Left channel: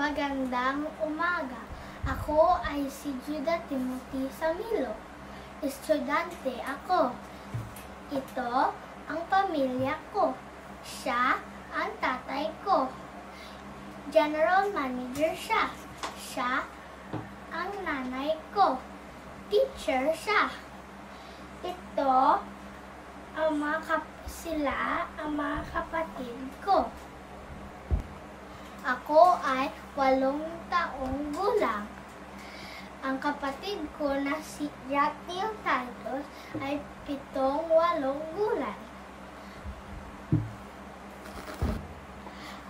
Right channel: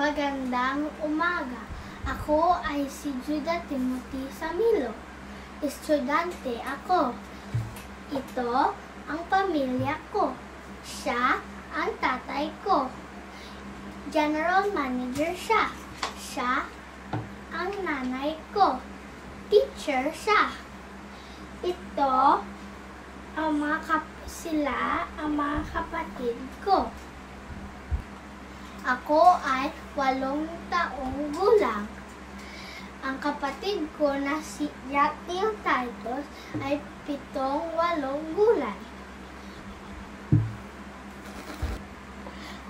Magandang umaga. Ako ay si Judah Timothy Samilo. Estudyante ako. Ito ang pamilya ko. Siya ang tatay ko. General manager siya. Siya ang nanay ko. Teacher siya. Ito ang sila ang mga kapatid ko. Ako ay 8 taong gulang. Ang kapatid ko na si Jatniel Titus ay 7-8 gulay.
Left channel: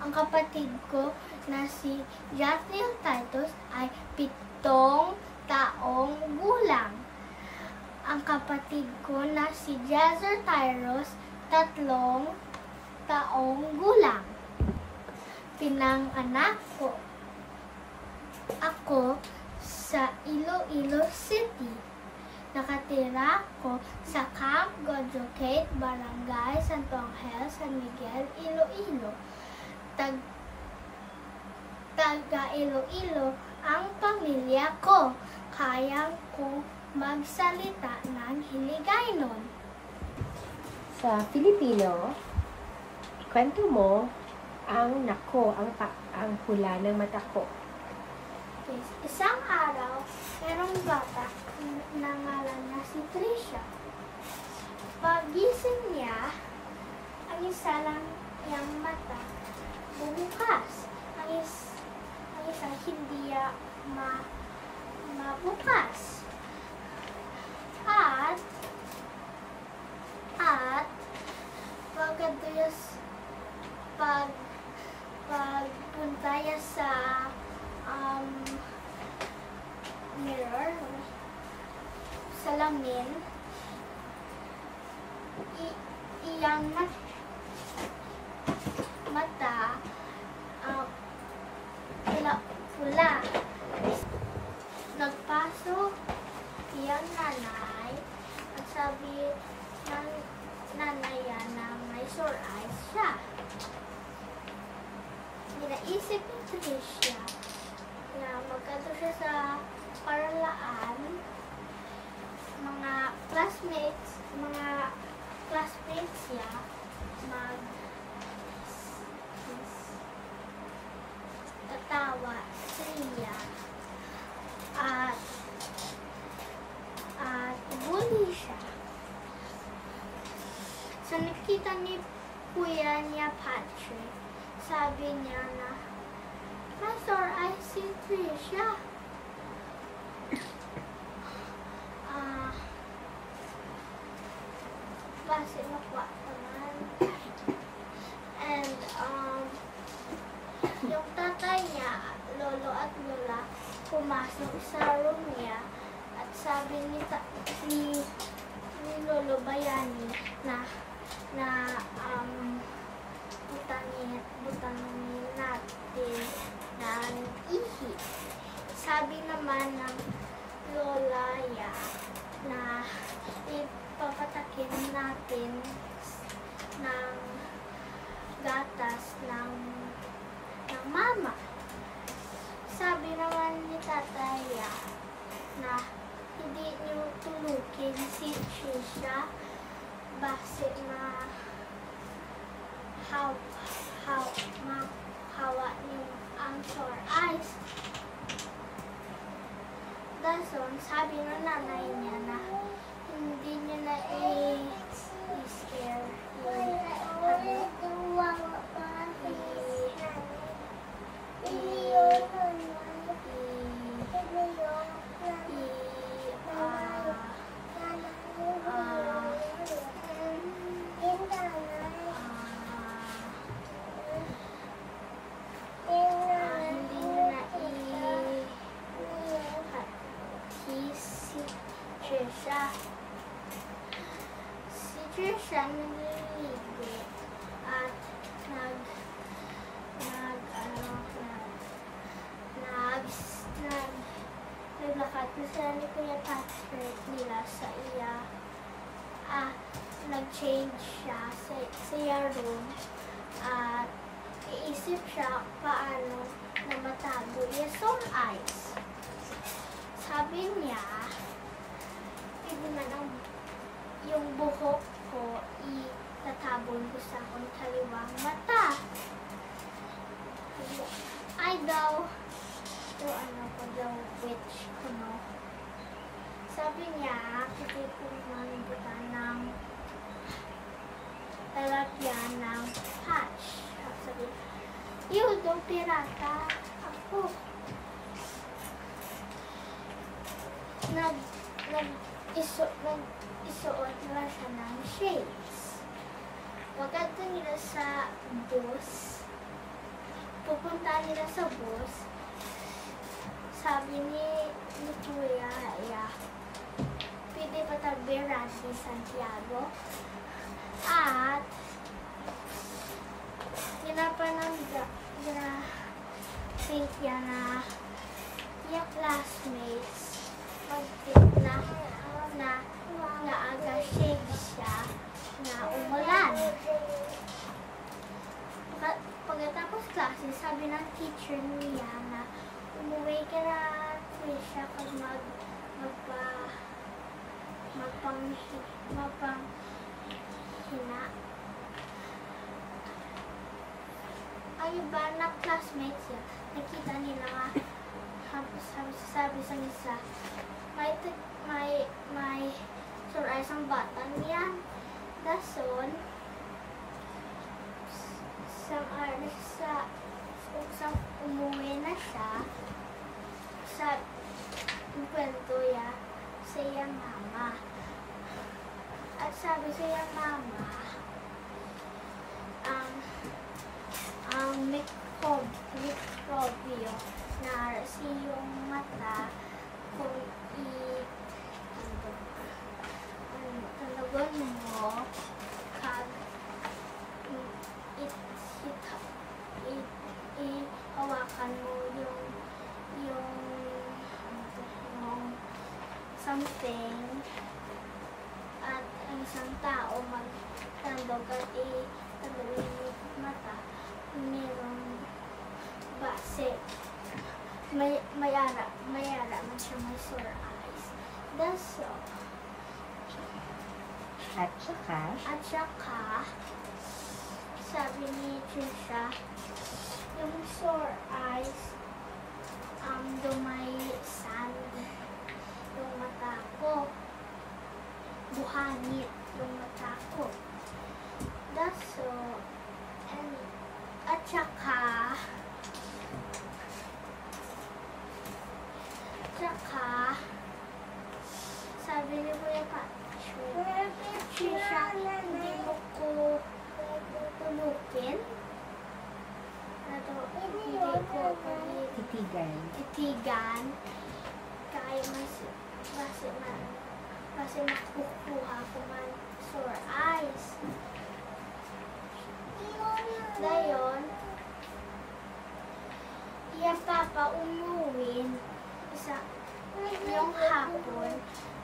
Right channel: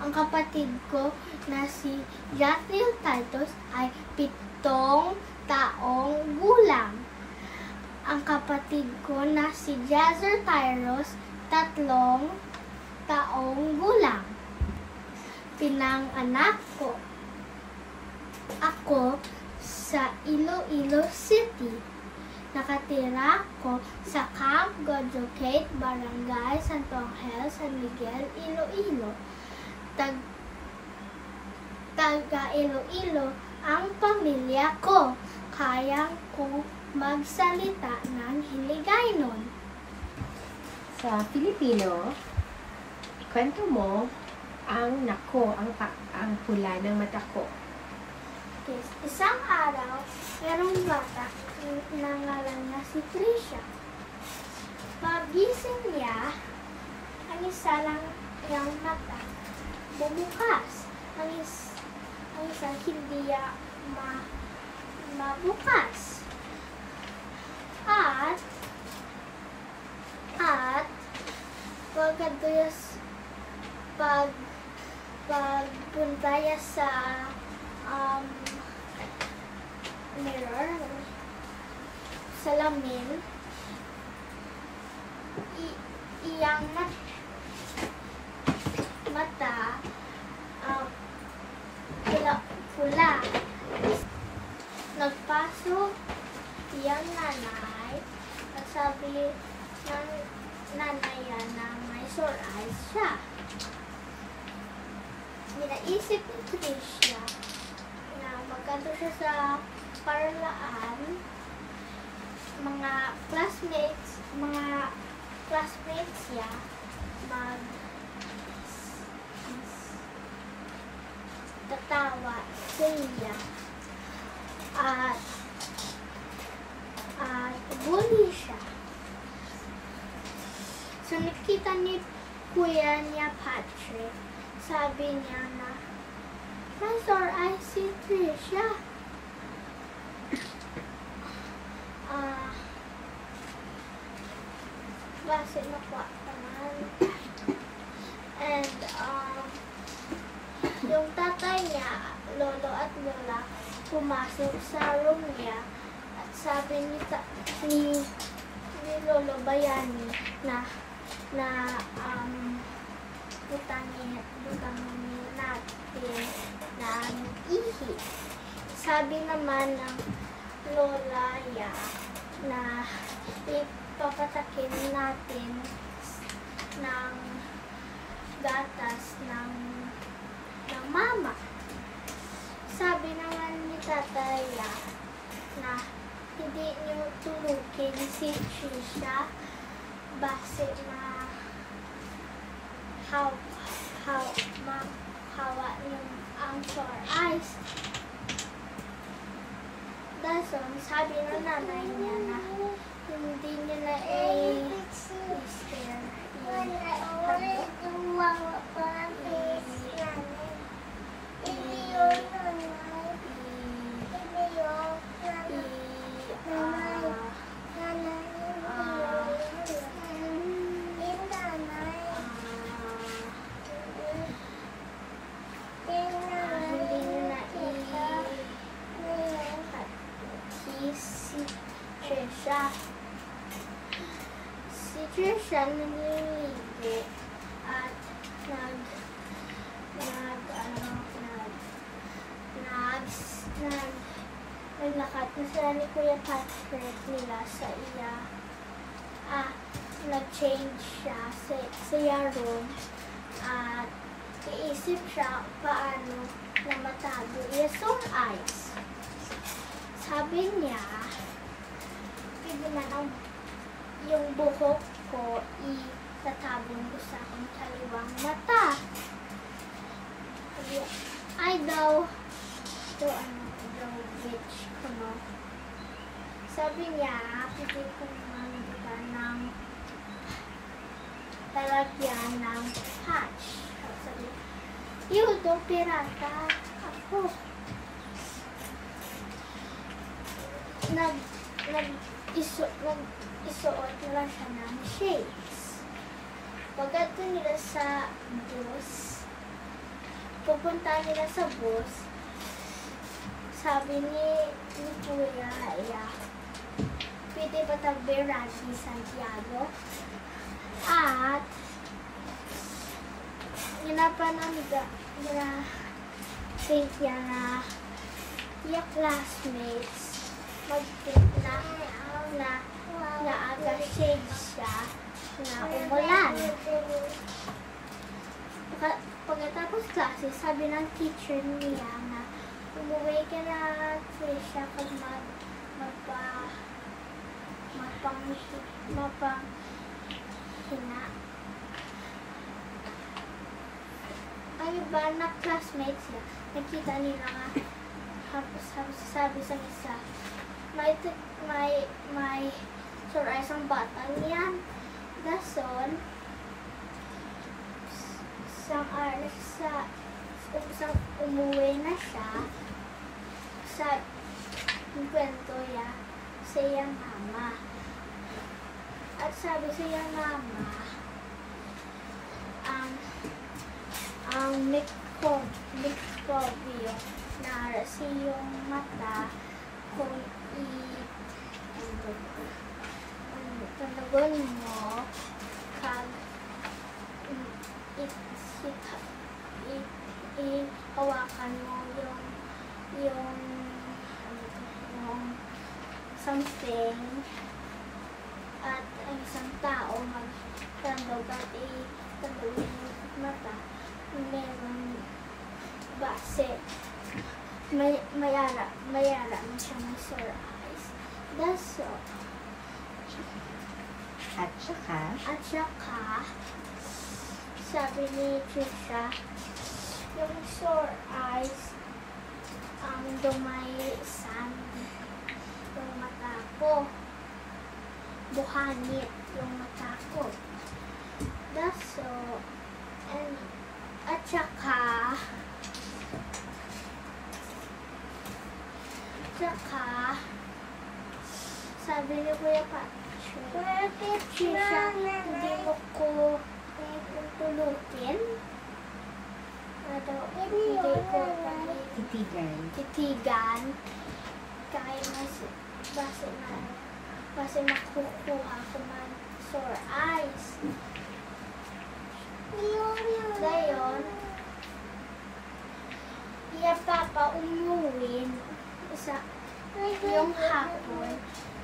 Ang kapatid ko na si Jatniel Titus ay 7 taong gulang. Ang kapatid ko na si Jazer Tyros, 3 taong gulang. Pinanganak ko ako sa Iloilo City. Nakatira ko sa Camp Godrocate, Barangay Santo Angel, San Miguel, Iloilo. Taga Iloilo ang pamilya ko. Kaya ko magsalita ng Hiligaynon. Sa Filipino, kwento mo ang nako, ang hula ng mata ko. Yes. Isang araw, merong bata na ngalan na si Trisha. Pagising niya, ang isa lang niyang mata bumukas. Ang isa hindi mabukas. At pagpunta niya sa mirror, salamin, iyang mata pula. Nagpasok iyang nanay at sabi ng nanay na may sore eyes siya. Naisip ni Tricia na magkanto siya sa paralaan, mga classmates niya tatawa sa iya at bully siya. So nakita ni kuya niya Patrick, sabi niya na may sore eyes si Tricia. Base na po naman. And yung tatay niya, lolo at lola, pumasok sa room niya at sabi ni Lolo Bayani na butangin natin ng ihi. Sabi naman ng Lola ya na ipapatakin natin ng gatas ng mama. Sabi naman ni Tatay ya na hindi niyo tulukin si Trisha base na hawa yung ang sore eyes. Dason, sabi ng nanay niya na hindi niya na i-scare si Trisha naliligo at naglakad na sila ni Kuya Patrick nila sa iya. Nag-change siya sa iya room at iisip nag-isip siya paano na matago yung sore eyes. Sabi niya, hindi man yung buhok ko itatabon ko sa akong kaliwang mata. Ay daw, witch ko no. Sabi niya, pwede kong magbuka ng talagyan ng patch. Sabi, yun, daw pirata ako. Isuot nila siya ng shades. Pagdato nila sa bus, pupunta nila sa bus, sabi ni Kuya, pwede pa tagbirad ni Santiago. At, ginapanan think niya na yung classmates mag-think na aga shade siya na umulan. Pagkatapos klase, sabi ng teacher niya na umuwi ka na Trisha kag mapanghina. Ang iba na classmates niya, nakita nila nga, sabi sa isa, may sore eyes ang bata niyan. Dason, isang umuwi na siya, sa kwento ya sa iyang mama. At sabi sa iyang mama, ang mikrobyo na sa iyong mata kung tanagon mo kag hawakan mo yung something at ang isang tao magtandog at itandog yung mata, merong base mayara man siya, may sore eyes. That's all. At saka sabi ni Trisha, yung sore eyes dumay sand yung mata ko, buhangit yung mata ko. That's all. And at saka sabi ni Kuya Patrick, Trisha, hindi mo ko tulukin. Hindi ko titigan. Kaya base makukuha ko man sore eyes. Dayon, iya papa umuwin yung hapon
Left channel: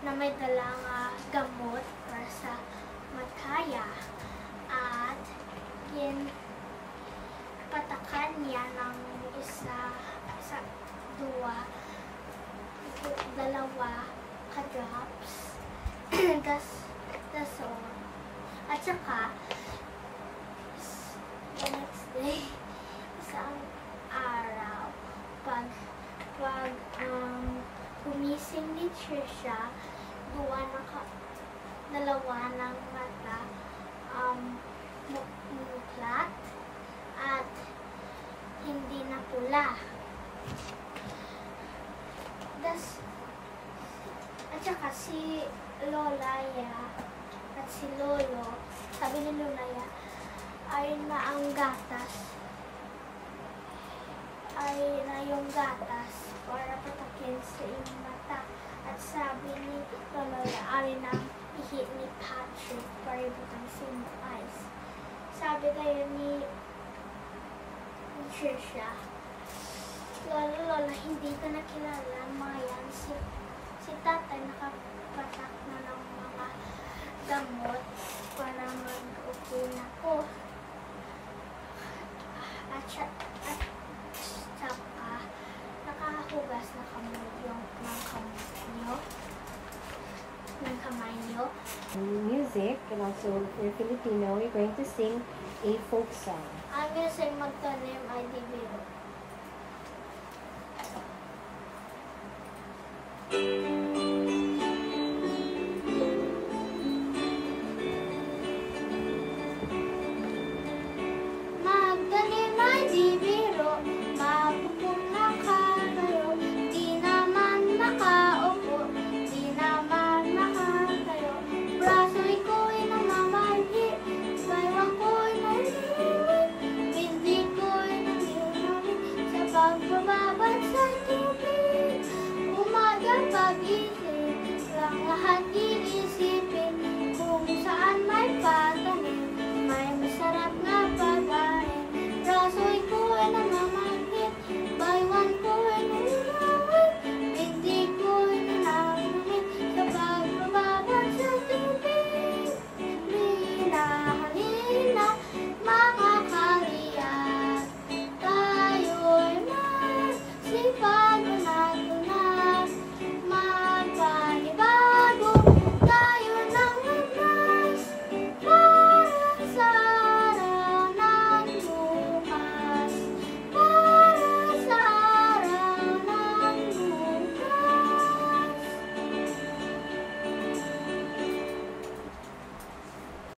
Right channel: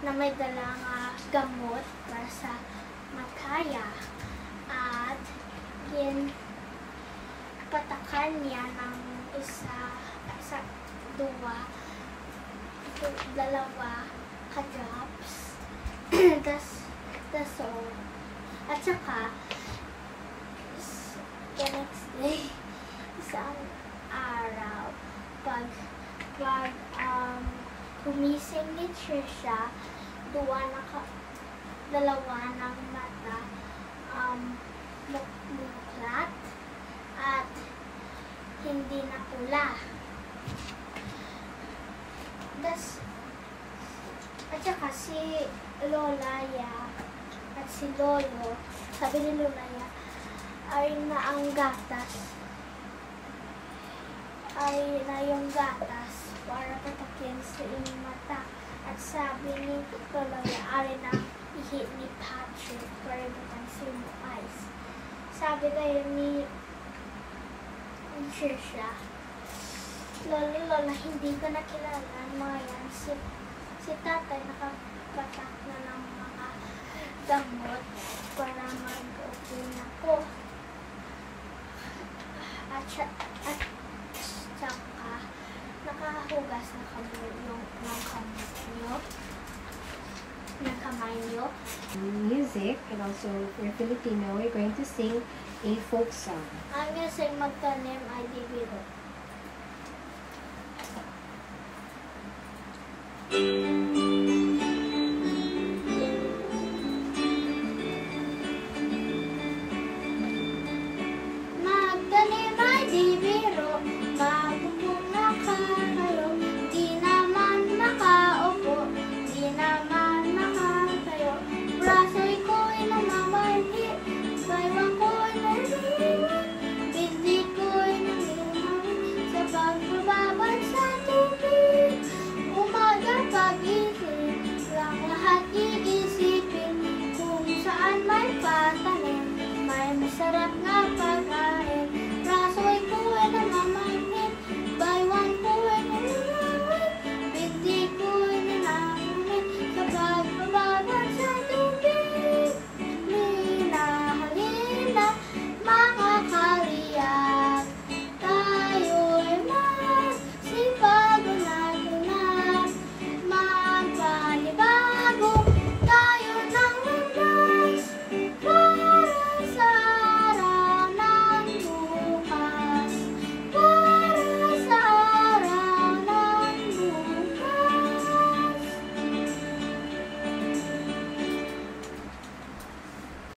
na may dalang gamot para sa mataya at patakan niya ng dalawa ka-drops. That's all. At saka, the next day, isang araw, pag gumising ni Trisha, dalawa ng mata muklat at hindi na pula. At saka si Lolaya at si Lolo, sabi ni Lolaya, ay na yung gatas para patakin sa inyong mata. At sabi ni Lolaya, ay na ihi ni Patrick para ibutang sa inyong eyes. Sabi tayo ni Trisha, Lola, hindi ko nakilala mga yan. Si tatay nakapatak na ng mga gamot para mag-okay na ko. At saka, nakahugas na kami ng kamay nyo. Music, and also for Filipino, we're going to sing a folk song. Ang sing Magtanim Ay Di Biro.